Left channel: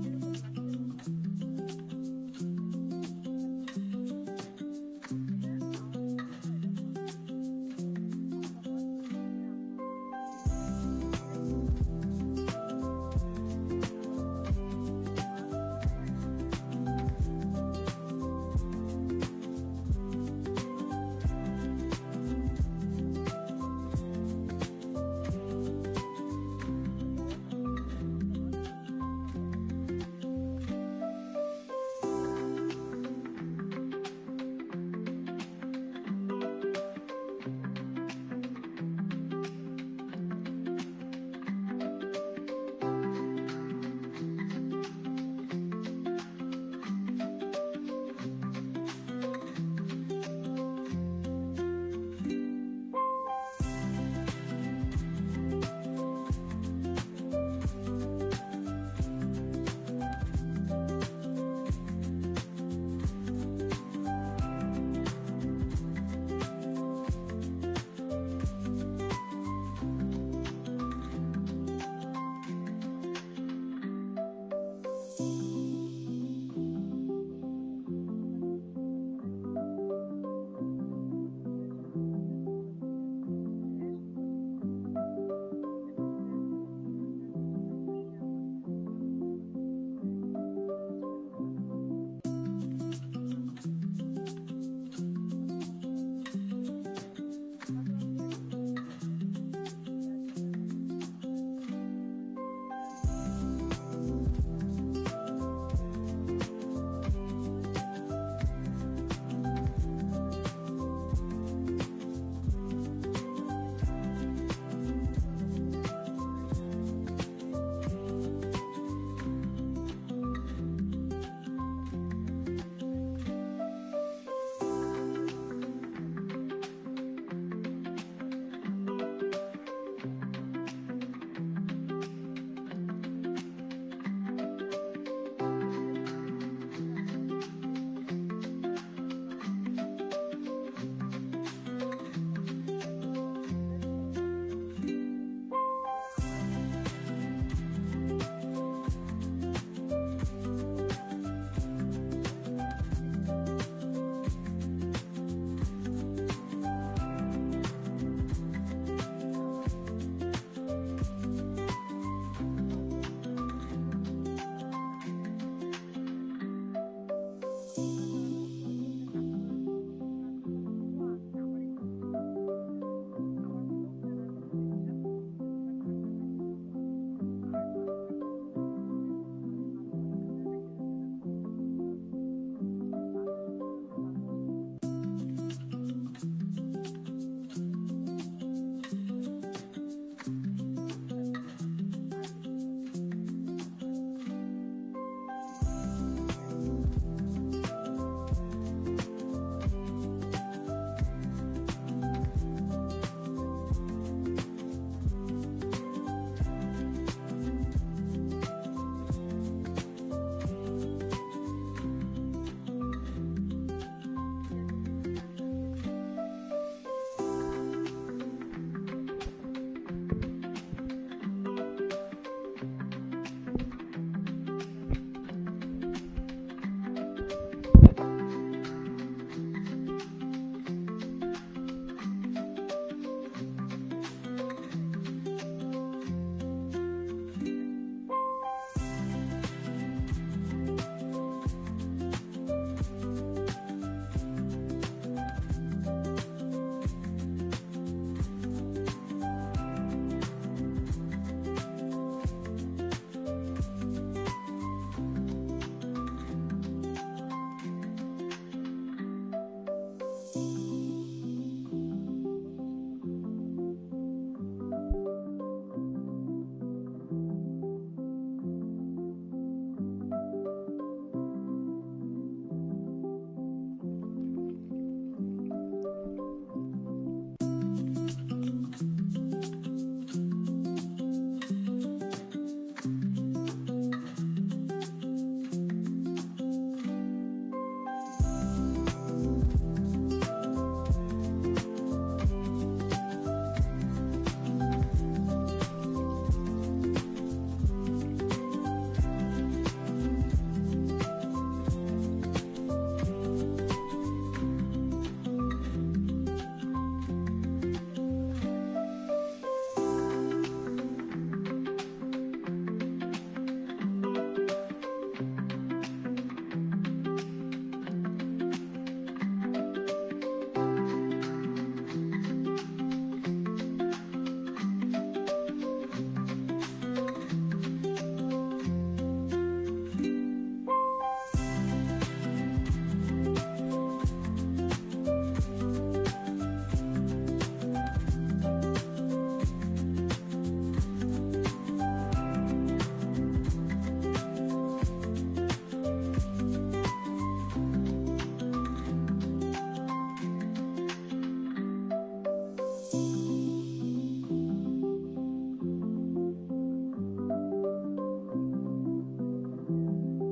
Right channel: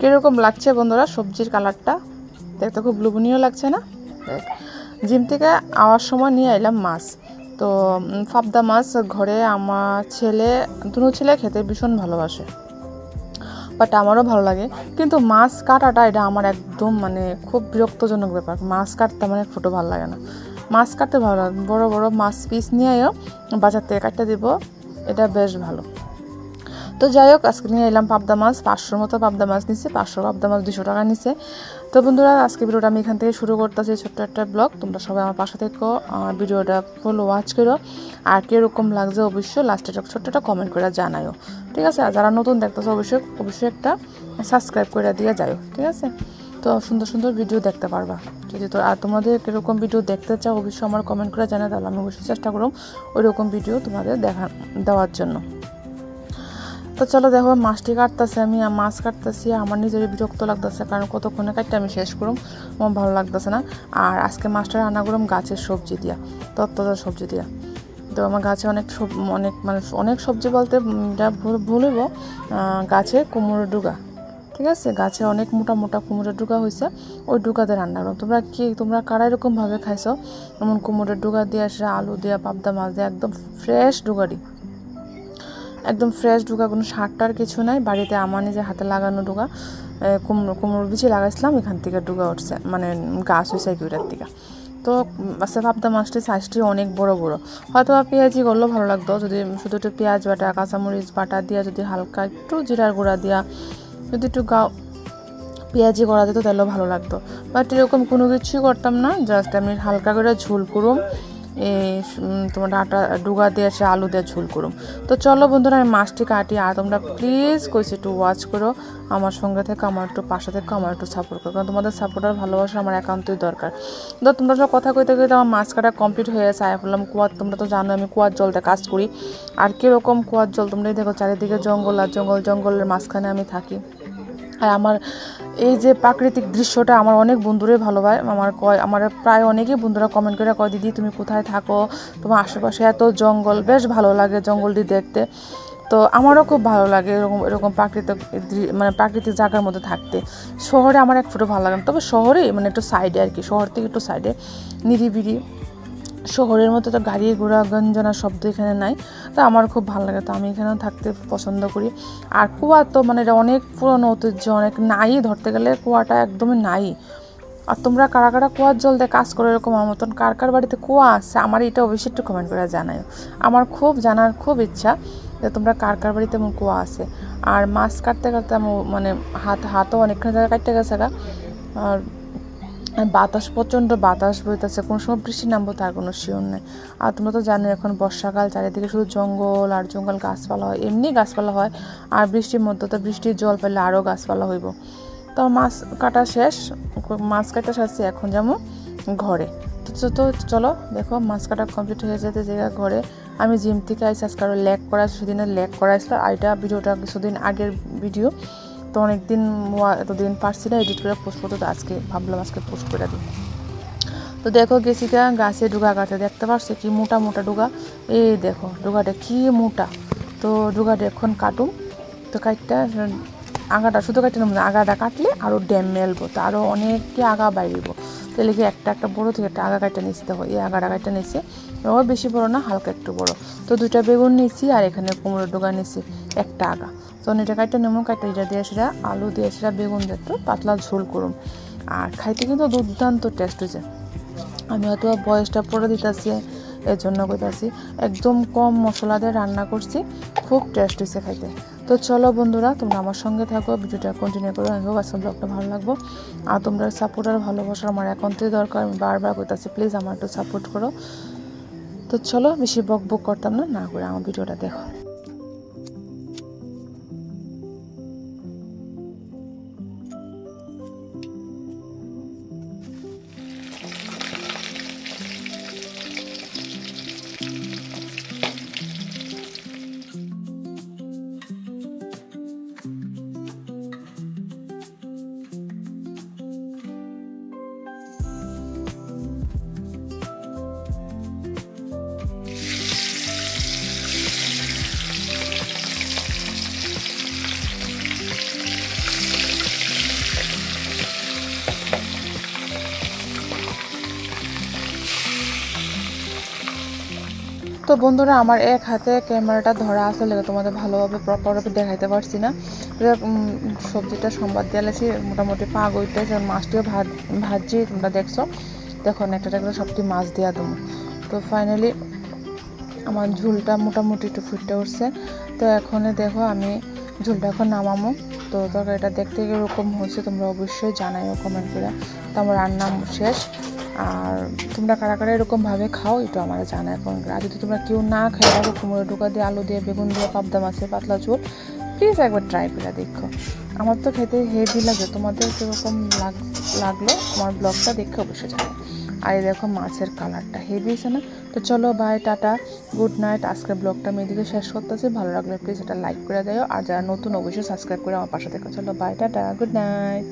কিরকম লাগছে বন্ধুরা সবজির কালারটা? দেখতে খুব লোভনীয় লাগছে না? জিম থেকে আওয়ার সময় নিয়ে এলাম মাছ। তো পাবদা মাছ ঘরে আমার দুটো ছেলে খেতে ভীষণ ভালোবাসে, বাট আমারও ভালো লাগে। কিন্তু মাছ কাটাটা এটা আমার একদম খুব বিরক্তজনক ব্যাপার। মাছ কাটতে আমার একটু ভালো লাগে না। মাছ কাটতে ভালো লাগে, বড় বড় মাছ পিস নিয়েও বাজার থেকে কাটতে দিব, এটা বেশ ভালো। তো যাই হোক, আজকে নিয়ে এলাম পাবদা মাছ। 500 মতো পাবদা মাছ নিচ্ছে, 500 পাবদা মাছ 200 টাকা নিচ্ছে। তো বন্ধুরা, আজকে ভিডিওটা আমি এখান থেকে শুরু করতেছি, ছোট্ট একটা ব্লগ। তোমরা সবাই আমার পাশে থেকো, ভিডিওটা ফুল ওয়াচ করো, আর কীরকম লাগছে অবশ্যই লাস্টে ছোট্ট একটা কমেন্ট করে জানাও, ঠিক আছে? আর যারা নতুন দেখতেছো অবশ্যই একটা সাবস্ক্রাইব করে দিয়ে যাও, ঠিক আছে? তো সুন্দর সুন্দর ভিডিও দেখতে পারবা। আর তোমাদের কীরকম ভিডিও দেখতে চাও অবশ্যই আমার কমেন্ট করে জানাও, তাহলে আমি অবশ্যই চেষ্টা করব ওই রকম ভিডিও তোমাদের দেওয়ার জন্য। তো চলো দেখো, মাছটি কাটতেছি, আমি মাছ কাটতেছি, আমার নিজেরই বিরক্ত লাগতেছে, কারণ কতক্ষণে কাটতে আমি শেষ করুম, আমার ভালো লাগতেছে না। আর আজকে মাছটা রান্না করুম গাছের সবজি দিয়া, তত্ত্বজা সবজি দিয়া। তো আমার গাছে অনেক সবজি বলতে ভুলব, গাছে কুমড়োর ডুগা, ঠিক আছে? গাছে অনেক মোটা মোটা কুমড়োর ডুগা হয়েছে, ওই ডুগাতে রান্না করো। তোমরা কারা এরকমভাবে খাইছো? যেমন কুমড়োর ডুগা দিয়ে আসে, আলু দিয়া, পাবদা মাছ দিয়ে, একদম ফ্রেশ ডুগারি, একদম ফ্রেশ ডুগা, কোনো সারটার কিছু নাই। বাড়িতে আমার নিজের হাতে লাগানো ডুগা, কুমড়োর বিচি লাগাইছিলাম, এখান থেকে ডুগা উঠছে, গাছ হয়েছে এগুলোর থেকে। তো আচ্ছা, পাবদা মাছটির সাইজটি অনেক বড় বড়। হয়তো পেঁয়াজি করলেও ভালো লাগতো, যদি শুধু একটু পেঁয়াজ বাটা, কাঁচামরিচ বাটা দিয়া, যদি হালকা একটু জিরার গুঁড়া দিয়া, যদি একটু পেঁয়াজি করা যেত তাহলেও ভালো লাগতো। বাট এরকম কোনো কিছুই করতাম না, জাস্ট আমি হালকা করে ঝোল করুম, তোমার ডাঁটা ডুগা দিয়ে এসে আলু দিয়ে ঝোল করুম। তো চলো বন্ধুরা, আমি মাছটি কাটি, আর তোমরা প্লিজ কইছি একটু ওয়াচ করো, আমার সঙ্গে থেকে, আমার একটু পাশে থেকে, আমার একটু সাপোর্ট করো, কারণ তোমাদের সাপোর্ট আর ভালোবাসা আমার একান্তই দরকার। তো তোমরা সব কথা কইতে কইতে আমার মাছ কাটা কমপ্লিট হয়ে গেছে। আয় বললাম কুয়ার, তোমরা তো জানো আমি কুয়ার জলতে কাজ করি। আর কীরকম কুয়ার জল তোমরাই দেখো, চারিদিকে জঙ্গল আর জঙ্গল, জঙ্গলের মাঝখানে আমি থাকি। আর আমার এই যে প্রাকৃতিক দৃশ্যটা আমার অনেক বন্ধুরাই ভালোবাসে, আমার প্রায় অনেকেই বন্ধুরা কমেন্ট করে কয়, দিদি তুমি কোথায় থাকো, তোমার আশেপাশে এত জঙ্গল, বেশ ভালো লাগে জঙ্গলটি দেখতে। তো আমারও খুব ভালো লাগে এরকম প্রাকৃতিক জায়গার মধ্যে থাকতে। শহরে আমার এক ফুটো ভালো লাগে না, তবে শহরে একটু সাইডে আর কি, শহর থেকে একটু সাইডে নিরিবিলি, শহরের মতো তো গাড়ি ঘোড়া গঞ্জনা শব্দ এখানে নাই। তো আমার খুব ভালো লাগে, তো আমি এখানেও থাকতে পছন্দ করি। আর কুয়া তো এটা অনেক পুরনো ঐতিহ্য, অনেক নাই, ধরতে গেলে কুয়াটা একদমই নাই। আর তোমরা কারা কারা কুয়ার জল দিয়ে কাজ করো এরকম আমার মতন, কার কার বাড়িতে কুয়া আছে, আমার এটা অবশ্যই একটু কমেন্ট করে জানাও। আমার খুব জানার খুব ইচ্ছা যে তোমরা কার কার বাড়িতে এমন কুয়া আছে। আর মাছ কাটতে কাটতে হাতও অনেকখানি জায়গায় কাটতে গেছে। আর প্রচণ্ড বাতাস বইতেছে, কোনো সময় বৃষ্টি নামবো তার কোনো শিওর নেই। আর তোমরা তো জানো এখন বর্ষাকাল, চারিদিকে শুধু জঙ্গল আর জঙ্গল, গাছপালা হয়, এমনি গাছপালা হয়, আর বৃষ্টির মধ্যে তো বৃষ্টির জল পেলে আরও গাছপালা হইব। তো মাছ কাটা শেষ, এখন যেমন ঘরে। তো চলো দেখো, মাছ কাটা কমপ্লিট হয়ে যেতে জায়গা ঘরে। আমি জিম থেকে আইসি, আজকে আরও সেদিনের ল্যাগ করাইছিল, আর এটা ভিডিওটা কিছুদিন আগের ভিডিও, তো এতদিন পারছি না এডিট করে পোস্ট করতে, তো আজকে ভাবলাম আজকে পোস্ট করে দিই। তো দেখো গেছি গাছে ডুগা কাটতে, দেখতে পারছি কি মোটা মোটা ডুগা, এই দেখো ডুগাটা কি মোটা। তো ডুগাটা এখন কাটুম, তো কাটটা আগাটা শুধু কাটতে নেব না, আগাটা কাটলে আরও ড্যাম মেলবো, তো আরও অনেকটি আগা বাইরব, তাহলে কি একটা বড়ো থেকে একটা আগা কাটটা নিচ্ছি। দেখো এই আগাটা কাটটা নিচ্ছি, ওর বেশি বড়ো না, হালকা একটু বড়ো। তো 2টা বেগুন নিচ্ছি, আর এখানে কুমড়োর ডুগা নিচ্ছি একটা আগা। তো এটা কাটটা নেবো, কাটটা এটা দিয়ে সেটা আলু দিয়ে সেটা বেগুন দিয়ে একটু পাতলা ঝোল করুম। আর খাইতে কিন্তু দুর্দান্ত টেস্ট হয়েছে। আমি হয়তো বয়সটা পরে দিতেছি, এর জন্য কইতাছি, একদম কম মশলা দিয়ে রান্না করছি, খুব টেস্ট হয়েছে খাইতে। তো চলো বন্ধুরা, তোমরা আমার সঙ্গে থাকো, ভিডিওটা কন্টিনিউ করো, আমি আজকে ব্লগটা ভালো লাগবো। আর তোমরা সাপোর্ট আর ভালোবাসা আমার একান্তই দরকার, আমি বারবার কইতাছি প্লিজ আমার একটু সাপোর্ট করো। তো চলো, বেশি বক করতাম না করে আমার ভিডিওটা দেখো। তো বন্ধুরা আমার এক হাতে ক্যামেরাটা ধরা আসলে তোমাদের ভালোভাবে প্রপারভাবে দেখাইতে পারছি না। সবজিটা সম্বাদ দিয়েছি মোটামুটি পাক হইতেছে, মাছটিও ভাজি তোমরা দেখছো। দেখো একটা একটা সবটি মাছ দেওয়া দেবো। তো ফাইনালি আমার ঝোলটা মোটামুটি একটু ফুটে উঠছে। তো এখন দেখো আমি ঝোলটা এখন নামামো। তো তরকারিটা দেখতে এরকম হয়েছে, তোমরা অবশ্যই জানাইও কমেন্ট করে। তো আমার রান্না শেষ। আর তোমরা কারা কারা এরকমভাবে খাও একটু আমার জানাই কমেন্ট করে। আর যদি তোমরা কেউ না খাই থাকো কুমড়ো ঢোকা দিয়ে, আলু দিয়ে, বেগুন দিয়ে, পাবদা মাছের পাতলা ঝোল, প্লিজ একবার ট্রাই করে দেখো। আমার তো খেতে হেভি লাগে, তোমাদের কীরকম লাগলো আমার ব্লগটা দেখে অবশ্যই জানাই। আর এই দেখো মাছের কালারটা হেভি হয়েছে না? তো চলো বাই, টাটা, গুড নাইট। আজকের ব্লগটা আমি এদিকে শেষ করতেছি। ভালো লাগলে প্লিজ এটা লাইক করে দিও, আর যারা নতুন অবশ্যই সাবস্ক্রাইব করে আমার পাশে দেখো। চলো বাই, টাটা, গুড নাইট।